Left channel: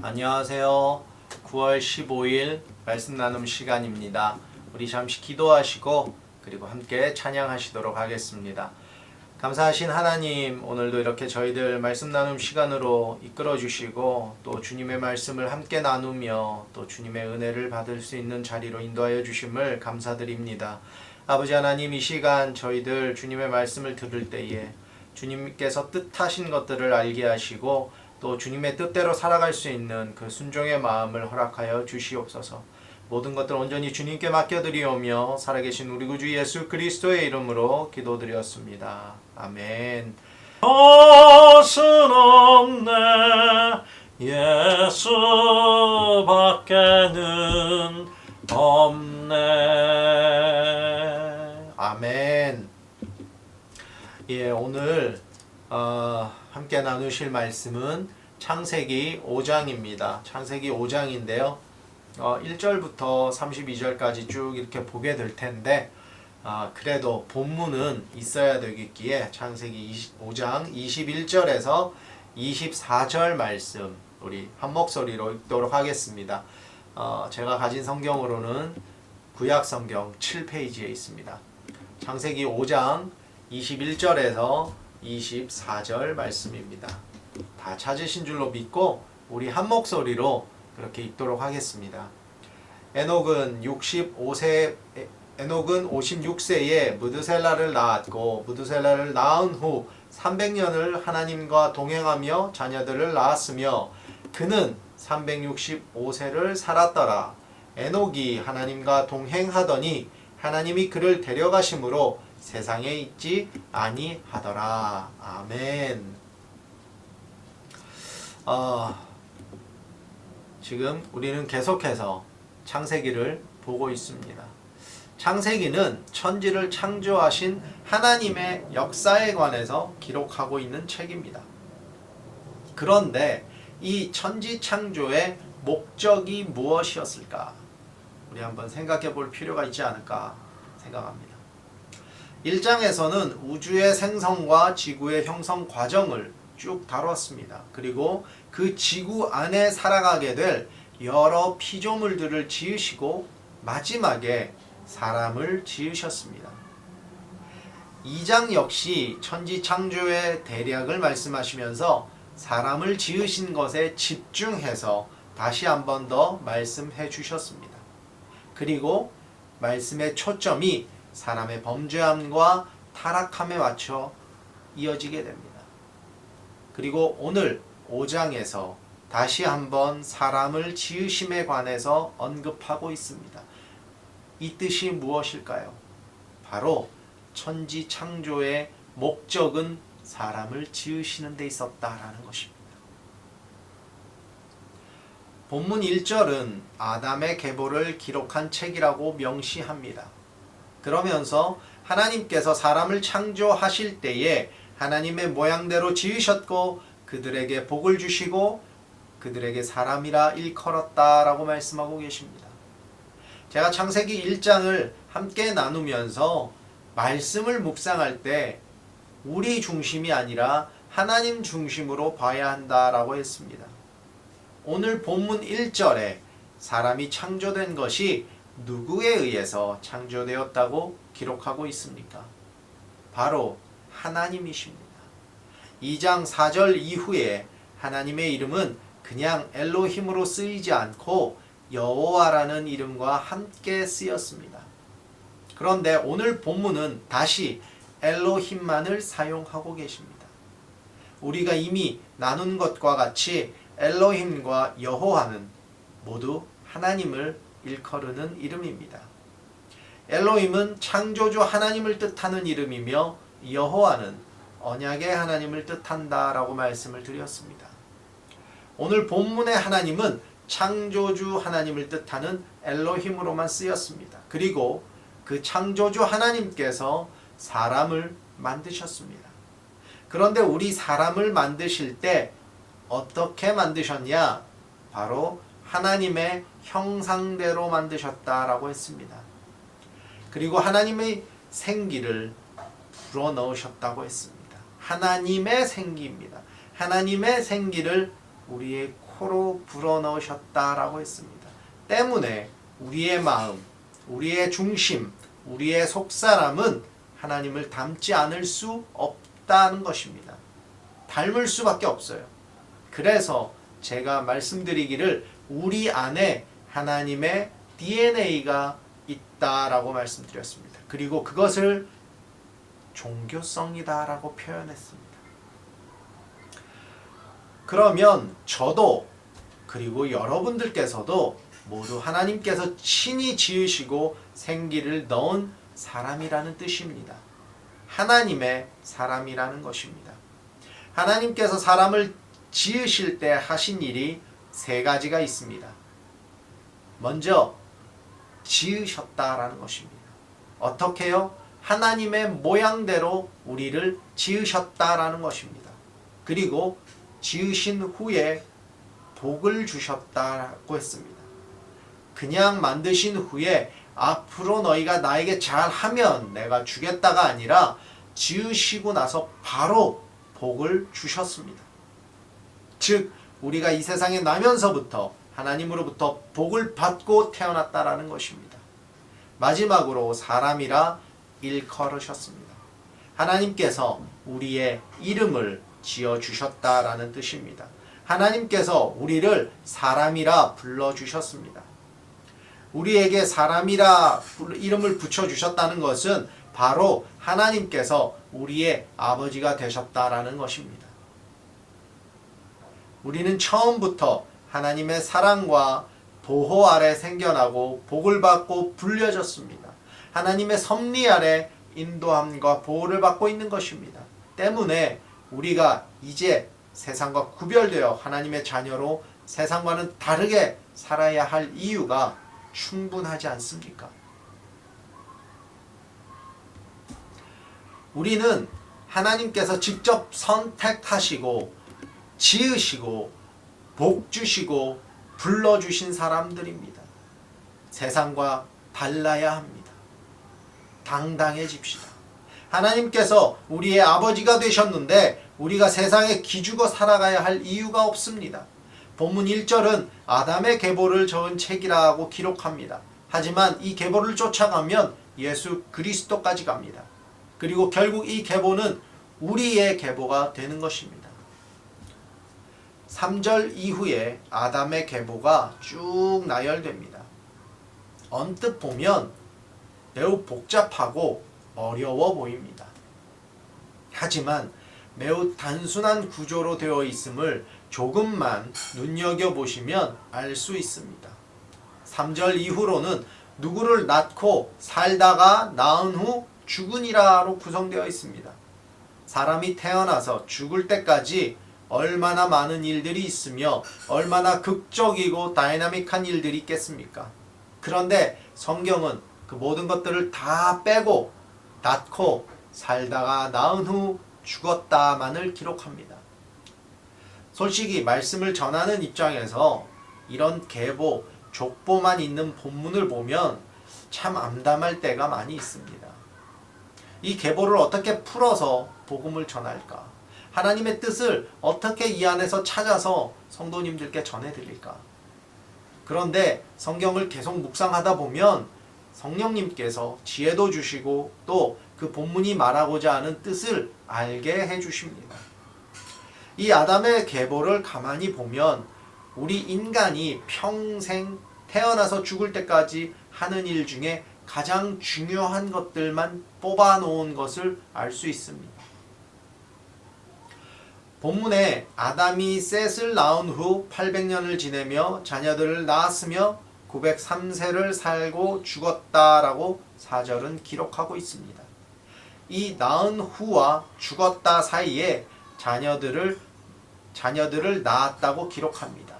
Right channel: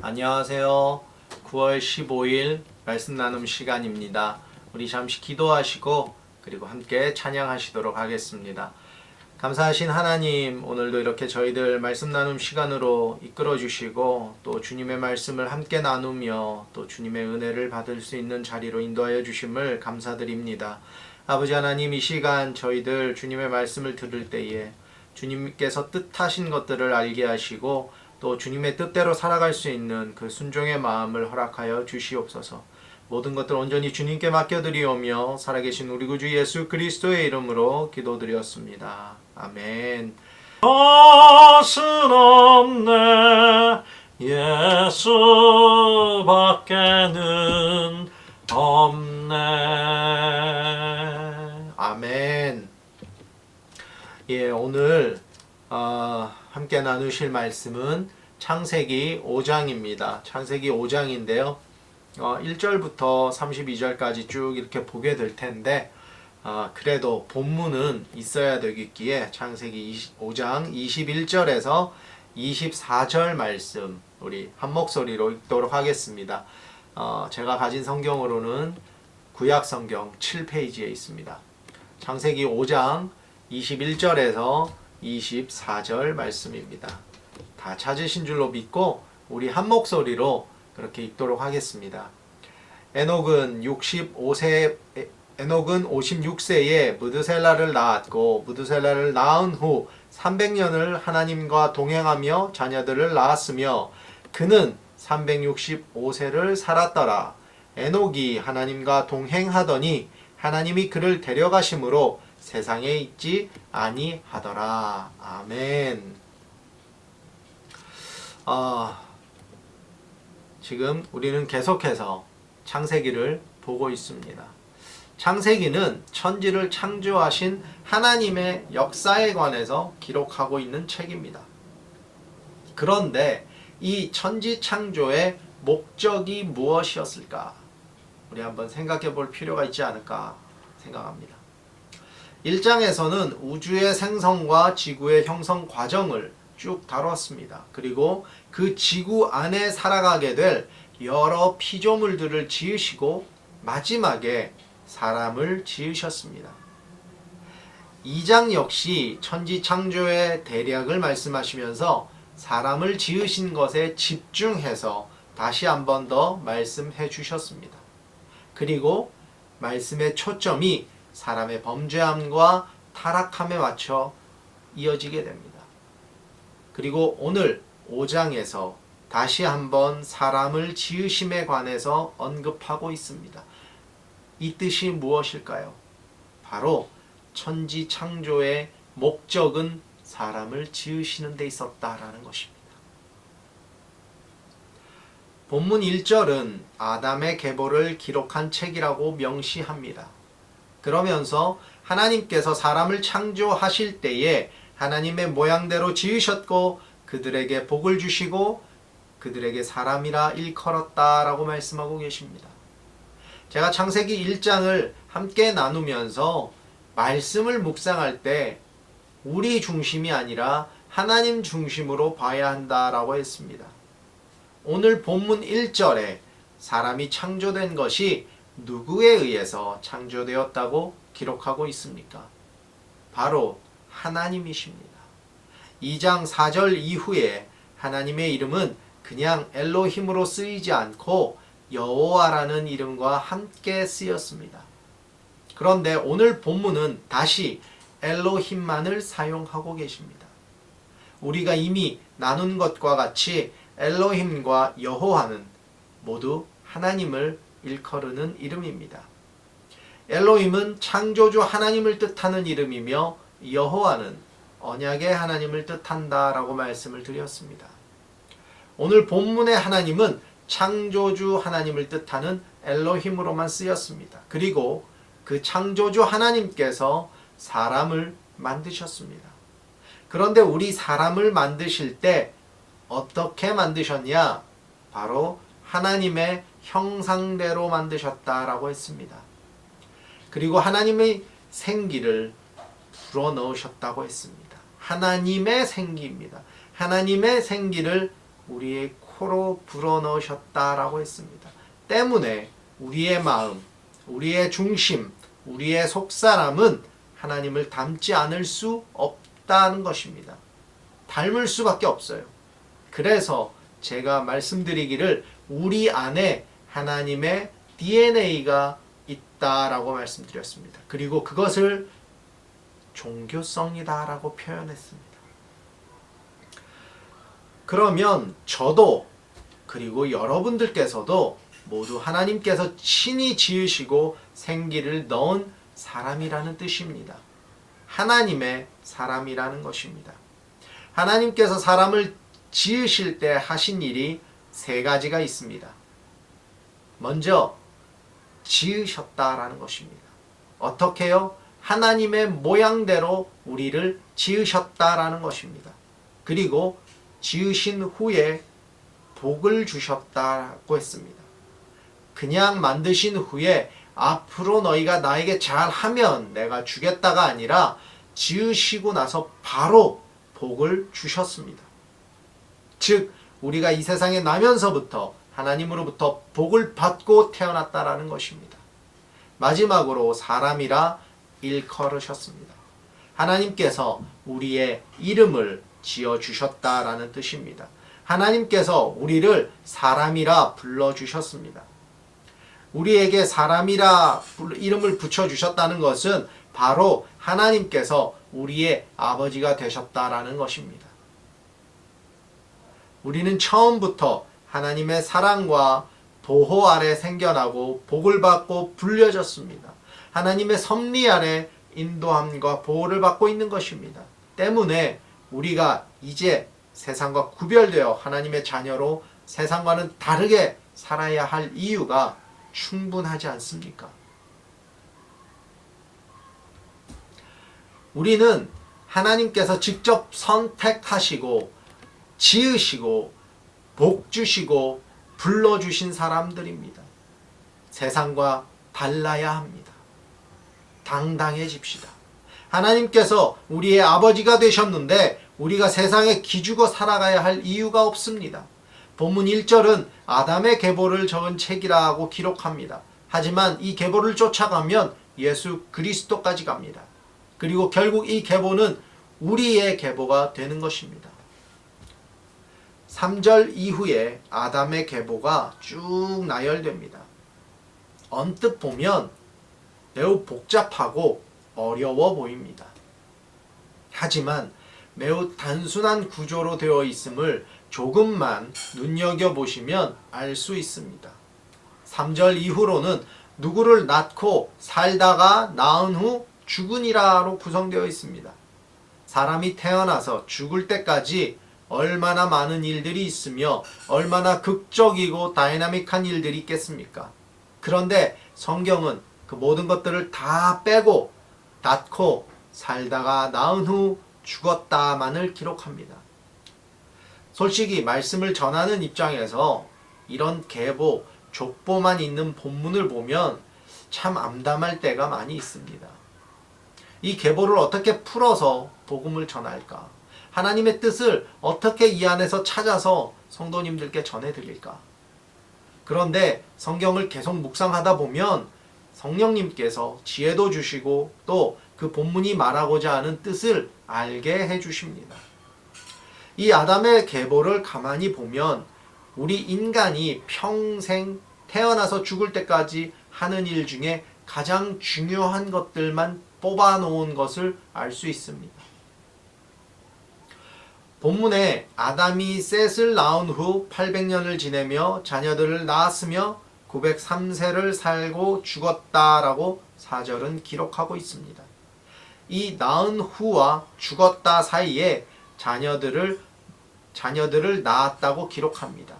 안녕하세요. 9월 15일 말씀 나눔 시간입니다. 우리 잠시 기도하시고 그리고 함께 찬양하시도록 하겠습니다. 감사하신 하나님, 오늘도 이렇게 저희들 말씀 나눔 시간으로 이끌어 주시고 또 주님의 말씀을 함께 나누며 또 주님의 은혜를 받을 수 있는 자리로 인도하여 주심을 감사드립니다. 아버지 하나님, 이 시간 저희들 주님의 말씀을 들을 때에 주님께서 뜻하신 것들을 알게 하시고 또 주님의 뜻대로 살아갈 수 있는 그 순종의 마음을 허락하여 주시옵소서. 모든 것들 온전히 주님께 맡겨드리오며 살아계신 우리 구주 예수 그리스도의 이름으로 기도드렸습니다. 아멘. 것은 없네 예수밖에는 없네. 아멘. 예, 오늘 함께 나누실 말씀은 창세기 5장입니다. 창세기 5장인데요. 1절부터 32절까지 쭉 이렇게 보게 될 텐데 그래도 본문은 있어야 되겠기에 창세기 5장 21절에서 24절 말씀 우리 한 목소리로 읽도록 하겠습니다. 제가 가진 성경으로는 구약 성경 7페이지에 있습니다. 창세기 5장 21절에서 24절 말씀입니다. 다 찾으신 줄로 믿고 우리 한 목소리로 그렇게 읽도록 하겠습니다. 에녹은 56세에 무드셀라를 낳았고 무드셀라를 낳은 후 300년을 하나님과 동행하며 자녀들을 낳았으며 그는 365세를 살았더라. 에녹이 하나님과 동행하더니 하나님이 그를 데려가심으로 세상에 있지 아니하더라. 아멘. 지금 우리는 계속해서 창세기를 보고 있습니다. 창세기는 천지를 창조하신 하나님의 역사에 관해서 기록하고 있는 책입니다. 그런데 이 천지 창조의 목적이 무엇이었을까? 우리 한번 생각해 볼 필요가 있지 않을까 생각합니다. 1장에서는 우주의 생성과 지구의 형성 과정을 쭉 다뤘습니다. 그리고 그 지구 안에 살아가게 될 여러 피조물들을 지으시고 마지막에 사람을 지으셨습니다. 2장 역시 천지 창조의 대략을 말씀하시면서 사람을 지으신 것에 집중해서 다시 한 번 더 말씀해 주셨습니다. 그리고 말씀의 초점이 사람의 범죄함과 타락함에 맞춰 이어지게 됩니다. 그리고 오늘 5장에서 다시 한번 사람을 지으심에 관해서 언급하고 있습니다. 이 뜻이 무엇일까요? 바로 천지 창조의 목적은 사람을 지으시는 데 있었다라는 것입니다. 본문 1절은 아담의 계보를 기록한 책이라고 명시합니다. 그러면서 하나님께서 사람을 창조하실 때에 하나님의 모양대로 지으셨고 그들에게 복을 주시고 그들에게 사람이라 일컬었다라고 말씀하고 계십니다. 제가 창세기 1장을 함께 나누면서 말씀을 묵상할 때 우리 중심이 아니라 하나님 중심으로 봐야 한다라고 했습니다. 오늘 본문 1절에 사람이 창조된 것이 누구에 의해서 창조되었다고 기록하고 있습니까? 바로 하나님이십니다. 2장 4절 이후에 하나님의 이름은 그냥 엘로힘으로 쓰이지 않고 여호와라는 이름과 함께 쓰였습니다. 그런데 오늘 본문은 다시 엘로힘만을 사용하고 계십니다. 우리가 이미 나눈 것과 같이 엘로힘과 여호와는 모두 하나님을 일컬으는 이름입니다. 엘로힘은 창조주 하나님을 뜻하는 이름이며 여호와는 언약의 하나님을 뜻한다라고 말씀을 드렸습니다. 오늘 본문의 하나님은 창조주 하나님을 뜻하는 엘로힘으로만 쓰였습니다. 그리고 그 창조주 하나님께서 사람을 만드셨습니다. 그런데 우리 사람을 만드실 때 어떻게 만드셨냐? 바로 하나님의 형상대로 만드셨다라고 했습니다. 그리고 하나님의 생기를 불어넣으셨다고 했습니다. 하나님의 생기입니다. 하나님의 생기를 우리의 100% 불어넣으셨다라고 했습니다. 때문에 우리의 마음, 우리의 중심, 우리의 속사람은 하나님을 닮지 않을 수 없다는 것입니다. 닮을 수밖에 없어요. 그래서 제가 말씀드리기를 우리 안에 하나님의 DNA가 있다라고 말씀드렸습니다. 그리고 그것을 종교성이다라고 표현했습니다. 그러면 저도 그리고 여러분들께서도 모두 하나님께서 친히 지으시고 생기를 넣은 사람이라는 뜻입니다. 하나님의 사람이라는 것입니다. 하나님께서 사람을 지으실 때 하신 일이 세 가지가 있습니다. 먼저 지으셨다라는 것입니다. 어떻게요? 하나님의 모양대로 우리를 지으셨다라는 것입니다. 그리고 지으신 후에 복을 주셨다고 했습니다. 그냥 만드신 후에 앞으로 너희가 나에게 잘하면 내가 주겠다가 아니라 지으시고 나서 바로 복을 주셨습니다. 즉 우리가 이 세상에 나면서부터 하나님으로부터 복을 받고 태어났다라는 것입니다. 마지막으로 사람이라 일컬으셨습니다. 하나님께서 우리의 이름을 지어주셨다라는 뜻입니다. 하나님께서 우리를 사람이라 불러주셨습니다. 우리에게 사람이라 이름을 붙여주셨다는 것은 바로 하나님께서 우리의 아버지가 되셨다라는 것입니다. 우리는 처음부터 하나님의 사랑과 보호 아래 생겨나고 복을 받고 불려졌습니다. 하나님의 섭리 아래 인도함과 보호를 받고 있는 것입니다. 때문에 우리가 이제 세상과 구별되어 하나님의 자녀로 세상과는 다르게 살아야 할 이유가 충분하지 않습니까? 우리는 하나님께서 직접 선택하시고 지으시고 복 주시고 불러주신 사람들입니다. 세상과 달라야 합니다. 당당해집시다. 하나님께서 우리의 아버지가 되셨는데 우리가 세상에 기죽어 살아가야 할 이유가 없습니다. 본문 1절은 아담의 계보를 적은 책이라고 기록합니다. 하지만 이 계보를 쫓아가면 예수 그리스도까지 갑니다. 그리고 결국 이 계보는 우리의 계보가 되는 것입니다. 3절 이후에 아담의 계보가 쭉 나열됩니다. 언뜻 보면 매우 복잡하고 어려워 보입니다. 하지만 매우 단순한 구조로 되어 있음을 조금만 눈여겨보시면 알 수 있습니다. 3절 이후로는 누구를 낳고 살다가 낳은 후 죽으니라로 구성되어 있습니다. 사람이 태어나서 죽을 때까지 얼마나 많은 일들이 있으며 얼마나 극적이고 다이나믹한 일들이 있겠습니까? 그런데 성경은 그 모든 것들을 다 빼고 낳고 살다가 낳은 후 죽었다만을 기록합니다. 솔직히 말씀을 전하는 입장에서 이런 계보, 족보만 있는 본문을 보면 참 암담할 때가 많이 있습니다. 이 계보를 어떻게 풀어서 복음을 전할까? 하나님의 뜻을 어떻게 이 안에서 찾아서 성도님들께 전해드릴까? 그런데 성경을 계속 묵상하다 보면 성령님께서 지혜도 주시고 또 그 본문이 말하고자 하는 뜻을 알게 해주십니다. 이 아담의 계보를 가만히 보면 우리 인간이 평생 태어나서 죽을 때까지 하는 일 중에 가장 중요한 것들만 뽑아 놓은 것을 알 수 있습니다. 본문에 아담이 셋을 낳은 후 800년을 지내며 자녀들을 낳았으며 903세를 살고 죽었다라고 4절은 기록하고 있습니다. 이 낳은 후와 죽었다 사이에 자녀들을 낳았다고 기록합니다.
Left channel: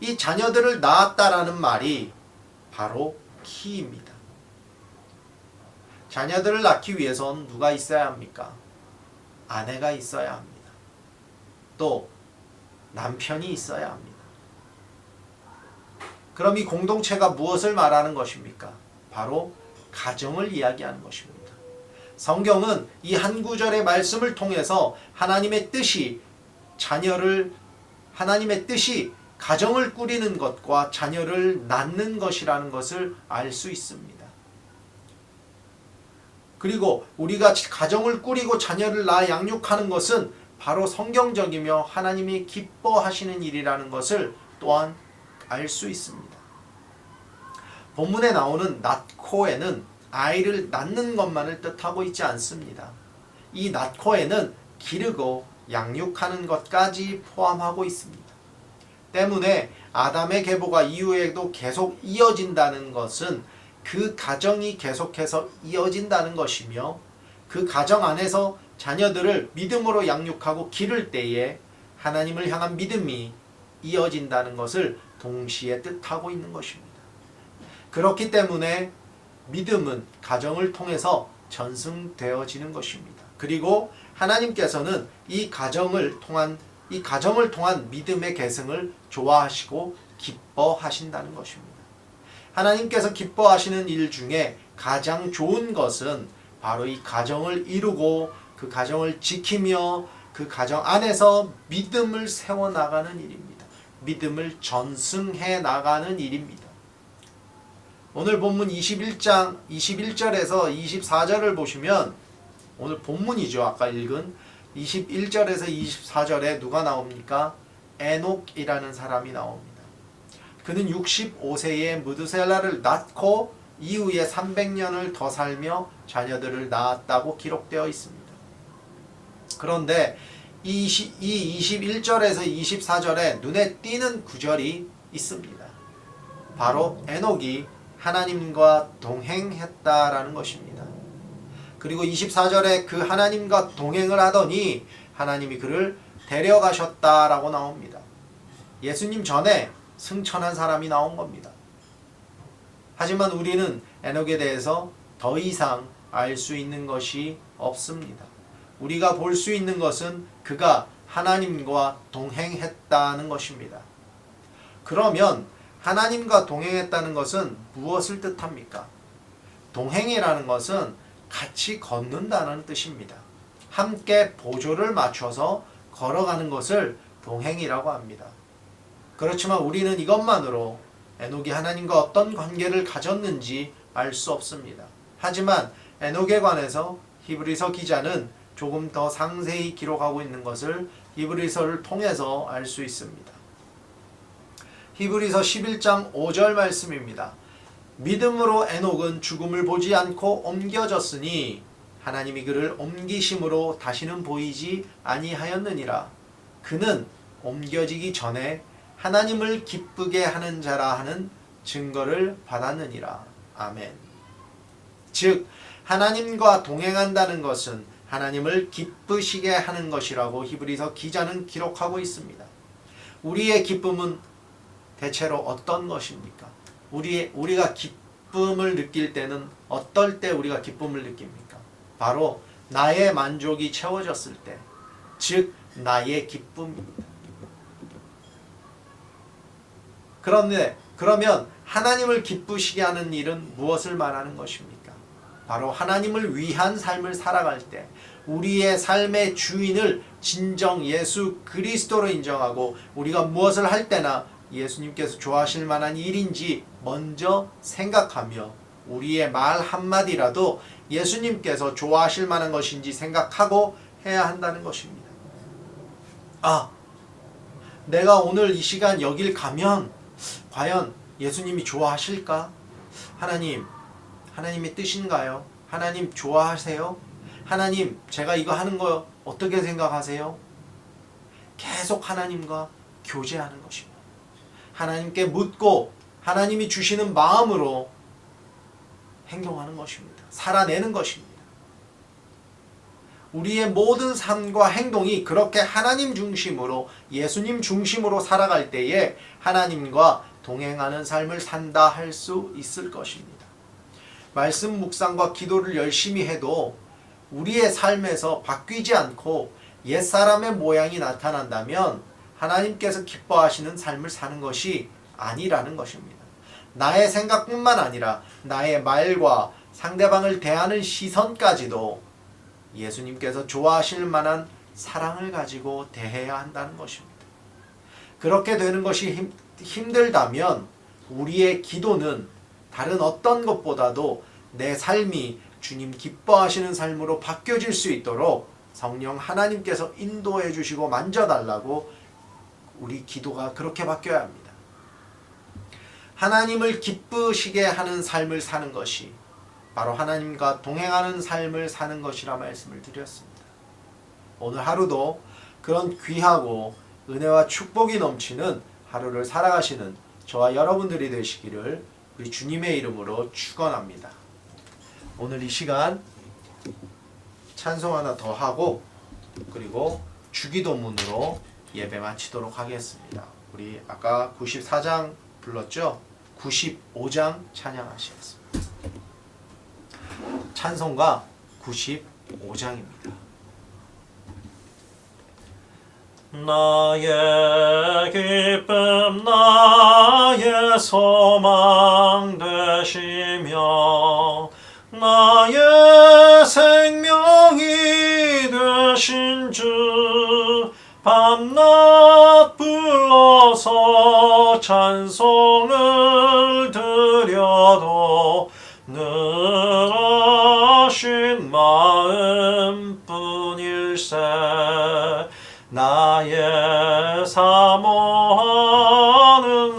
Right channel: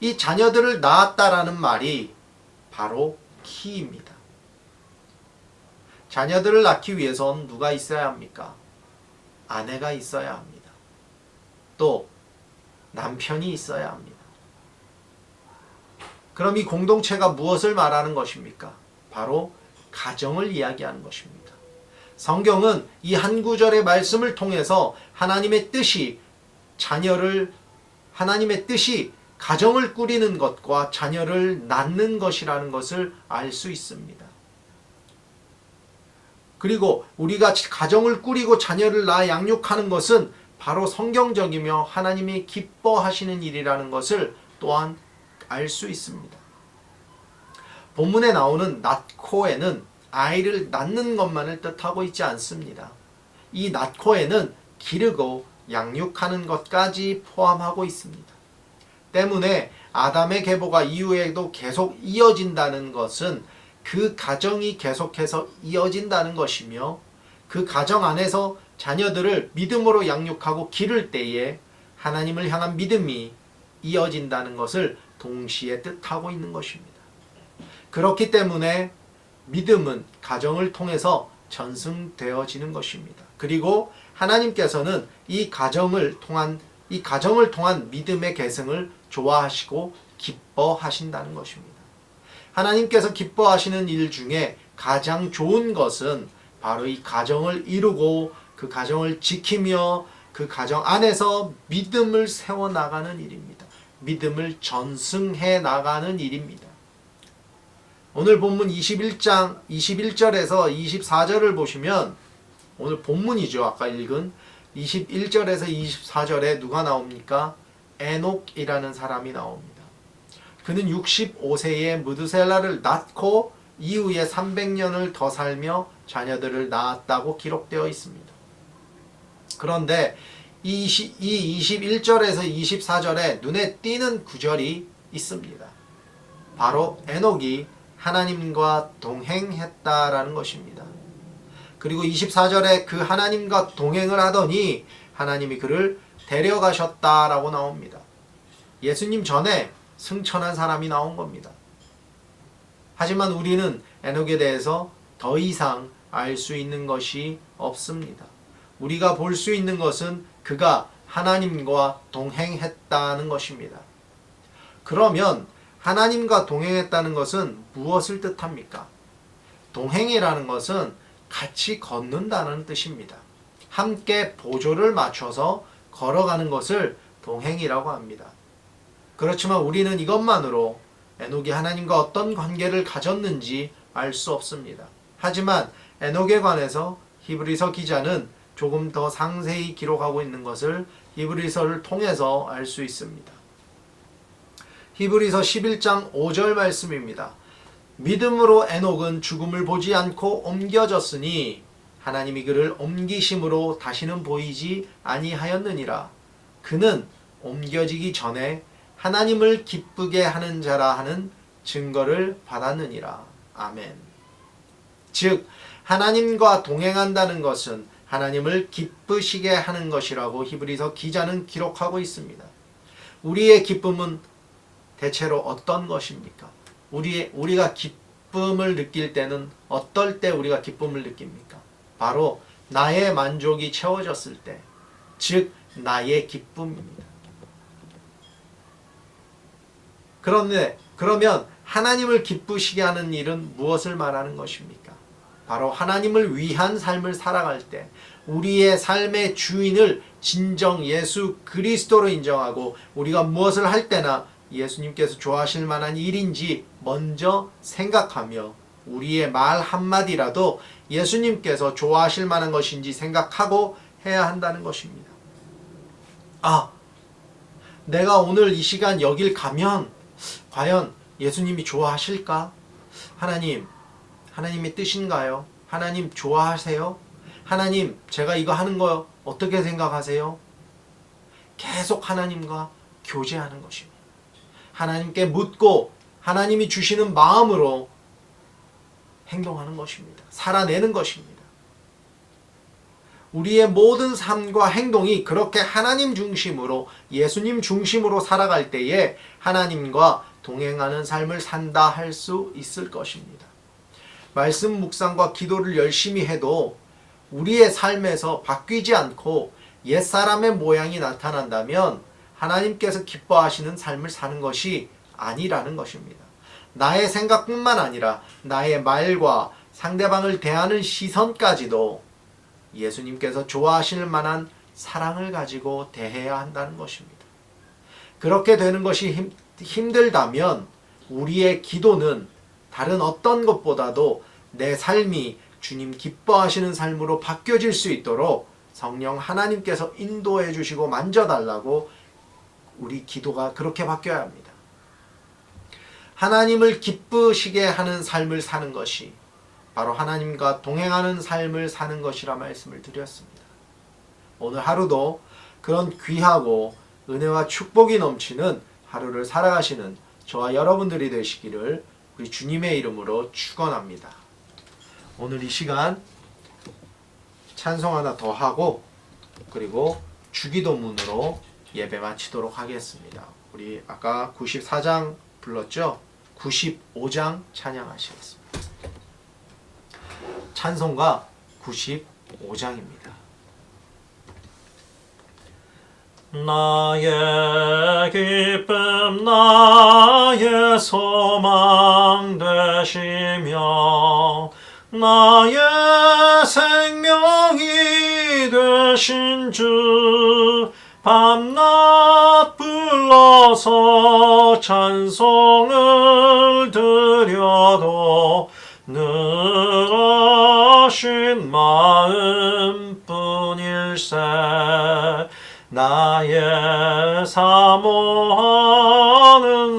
이 자녀들을 낳았다라는 말이 바로 키입니다. 자녀들을 낳기 위해선 누가 있어야 합니까? 아내가 있어야 합니다. 또 남편이 있어야 합니다. 그럼 이 공동체가 무엇을 말하는 것입니까? 바로 가정을 이야기하는 것입니다. 성경은 이 한 구절의 말씀을 통해서 하나님의 뜻이 가정을 꾸리는 것과 자녀를 낳는 것이라는 것을 알 수 있습니다. 그리고 우리가 가정을 꾸리고 자녀를 낳아 양육하는 것은 바로 성경적이며 하나님이 기뻐하시는 일이라는 것을 또한 알 수 있습니다. 본문에 나오는 낳고에는 아이를 낳는 것만을 뜻하고 있지 않습니다. 이 낳고에는 기르고 양육하는 것까지 포함하고 있습니다. 때문에 아담의 계보가 이후에도 계속 이어진다는 것은 그 가정이 계속해서 이어진다는 것이며 그 가정 안에서 자녀들을 믿음으로 양육하고 기를 때에 하나님을 향한 믿음이 이어진다는 것을 동시에 뜻하고 있는 것입니다. 그렇기 때문에 믿음은 가정을 통해서 전승되어지는 것입니다. 그리고 하나님께서는 이 가정을 통한 믿음의 계승을 좋아하시고 기뻐하신다는 것입니다. 하나님께서 기뻐하시는 일 중에 가장 좋은 것은 바로 이 가정을 이루고 그 가정을 지키며 그 가정 안에서 믿음을 세워나가는 일입니다. 믿음을 전승해 나가는 일입니다. 오늘 본문 21장 21절에서 24절을 보시면 오늘 본문이죠. 아까 읽은 21절에서 24절에 누가 나옵니까? 에녹이라는 사람이 나옵니다. 그는 65세에 무드셀라를 낳고 이후에 300년을 더 살며 자녀들을 낳았다고 기록되어 있습니다. 그런데 이 21절에서 24절에 눈에 띄는 구절이 있습니다. 바로 에녹이 하나님과 동행했다라는 것입니다. 그리고 24절에 그 하나님과 동행을 하더니 하나님이 그를 데려가셨다라고 나옵니다. 예수님 전에 승천한 사람이 나온 겁니다. 하지만 우리는 에녹에 대해서 더 이상 알 수 있는 것이 없습니다. 우리가 볼 수 있는 것은 그가 하나님과 동행했다는 것입니다. 그러면 하나님과 동행했다는 것은 무엇을 뜻합니까? 동행이라는 것은 같이 걷는다는 뜻입니다. 함께 보조를 맞춰서 걸어가는 것을 동행이라고 합니다. 그렇지만 우리는 이것만으로 에녹이 하나님과 어떤 관계를 가졌는지 알 수 없습니다. 하지만 에녹에 관해서 히브리서 기자는 조금 더 상세히 기록하고 있는 것을 히브리서를 통해서 알 수 있습니다. 히브리서 11장 5절 말씀입니다. 믿음으로 에녹은 죽음을 보지 않고 옮겨졌으니 하나님이 그를 옮기심으로 다시는 보이지 아니하였느니라. 그는 옮겨지기 전에 하나님을 기쁘게 하는 자라 하는 증거를 받았느니라. 아멘. 즉 하나님과 동행한다는 것은 하나님을 기쁘시게 하는 것이라고 히브리서 기자는 기록하고 있습니다. 우리의 기쁨은 대체로 어떤 것입니까? 우리가 기쁨을 느낄 때는 어떨 때 우리가 기쁨을 느낍니까? 바로 나의 만족이 채워졌을 때, 즉 나의 기쁨입니다. 그러면 하나님을 기쁘시게 하는 일은 무엇을 말하는 것입니까? 바로 하나님을 위한 삶을 살아갈 때 우리의 삶의 주인을 진정 예수 그리스도로 인정하고 우리가 무엇을 할 때나 예수님께서 좋아하실 만한 일인지 먼저 생각하며 우리의 말 한마디라도 예수님께서 좋아하실 만한 것인지 생각하고 해야 한다는 것입니다. 내가 오늘 이 시간 여길 가면 과연 예수님이 좋아하실까? 하나님의 뜻인가요? 하나님 좋아하세요? 하나님, 제가 이거 하는 거 어떻게 생각하세요? 계속 하나님과 교제하는 것입니다. 하나님께 묻고 하나님이 주시는 마음으로 행동하는 것입니다. 살아내는 것입니다. 우리의 모든 삶과 행동이 그렇게 하나님 중심으로 예수님 중심으로 살아갈 때에 하나님과 동행하는 삶을 산다 할 수 있을 것입니다. 말씀 묵상과 기도를 열심히 해도 우리의 삶에서 바뀌지 않고 옛사람의 모양이 나타난다면 하나님께서 기뻐하시는 삶을 사는 것이 아니라는 것입니다. 나의 생각뿐만 아니라 나의 말과 상대방을 대하는 시선까지도 예수님께서 좋아하실 만한 사랑을 가지고 대해야 한다는 것입니다. 그렇게 되는 것이 힘들다면 우리의 기도는 다른 어떤 것보다도 내 삶이 주님 기뻐하시는 삶으로 바뀌어질 수 있도록 성령 하나님께서 인도해 주시고 만져달라고 우리 기도가 그렇게 바뀌어야 합니다. 하나님을 기쁘시게 하는 삶을 사는 것이 바로 하나님과 동행하는 삶을 사는 것이라 말씀을 드렸습니다. 오늘 하루도 그런 귀하고 은혜와 축복이 넘치는 하루를 살아가시는 저와 여러분들이 되시기를 우리 주님의 이름으로 축원합니다. 오늘 이 시간 찬송 하나 더 하고 그리고 주기도문으로 예배 마치도록 하겠습니다. 우리 아까 94장 불렀죠? 95장 찬양하시겠습니다. 찬송가 95장입니다. 나의 기쁨 나의 소망 되시며 나의 생명이 되신 주 밤낮 불러서 찬송을 드려도 늘어신 마음뿐일세 나의 사모하는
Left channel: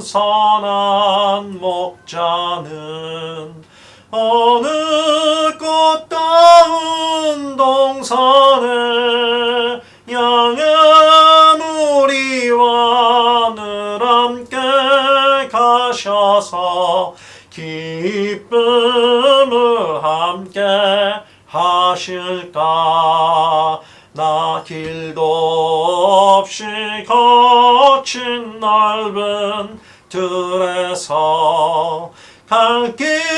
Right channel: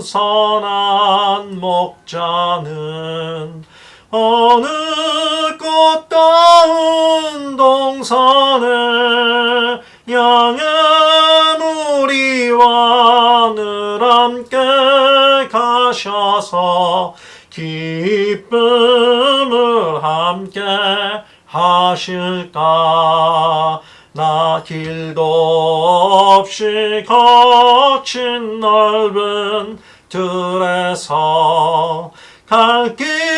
선한 목자는 어느 꽃다운 동산에 양의 무리와 늘 함께 가셔서 기쁨을 함께 하실까 나 길도 없이 거친 넓은 들에서 갈 길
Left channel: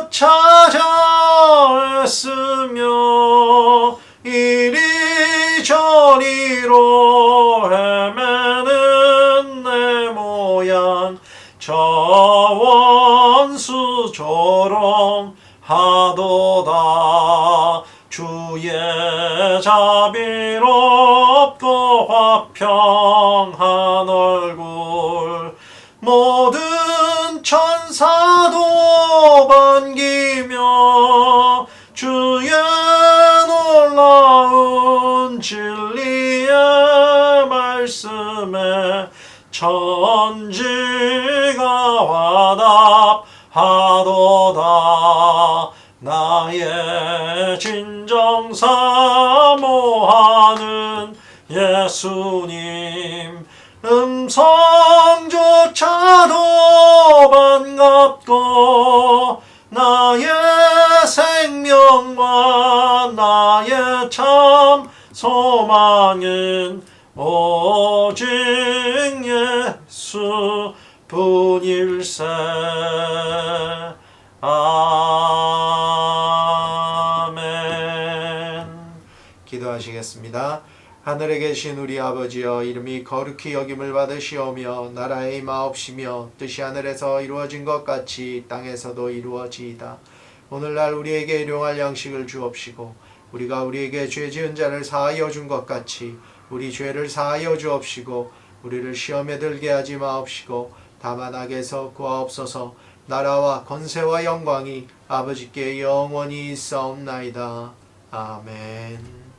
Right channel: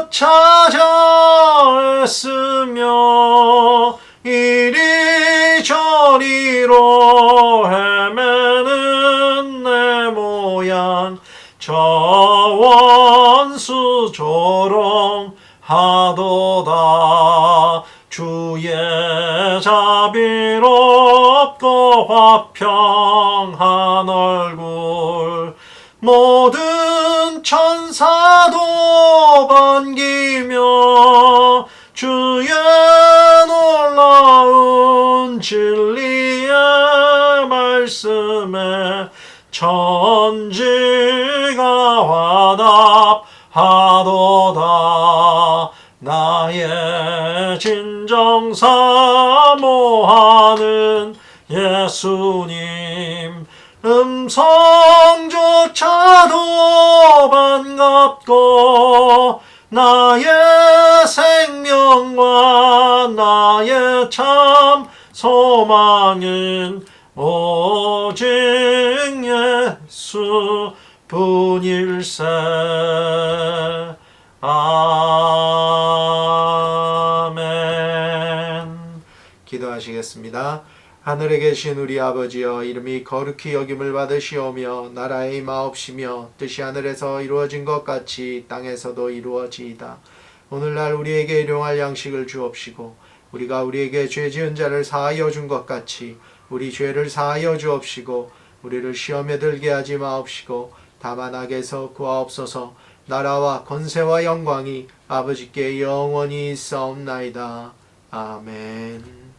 못 찾아 애쓰며 이리저리로 헤매는 내 모양 저 원수 조롱하도다 주의 자비롭고 화평한 얼굴 모든 천사도 반기며 주의 놀라운 진리의 말씀에 천지가 화답하도다 나의 진정 사모하는 예수님 음성조차도 반갑고 나의 생명과 나의 참 소망은 오직 예수 뿐일세 아멘. 기도하시겠습니다. 하늘에 계신 우리 아버지여 이름이 거룩히 여김을 받으시오며 나라의 임하옵시며 뜻이 하늘에서 이루어진 것 같이 땅에서도 이루어지이다. 오늘날 우리에게 일용할 양식을 주옵시고 우리가 우리에게 죄 지은 자를 사하여 준 것 같이 우리 죄를 사하여 주옵시고 우리를 시험에 들게 하지 마옵시고 다만 악에서 구하옵소서. 나라와 권세와 영광이 아버지께 영원히 있사옵나이다. 아멘.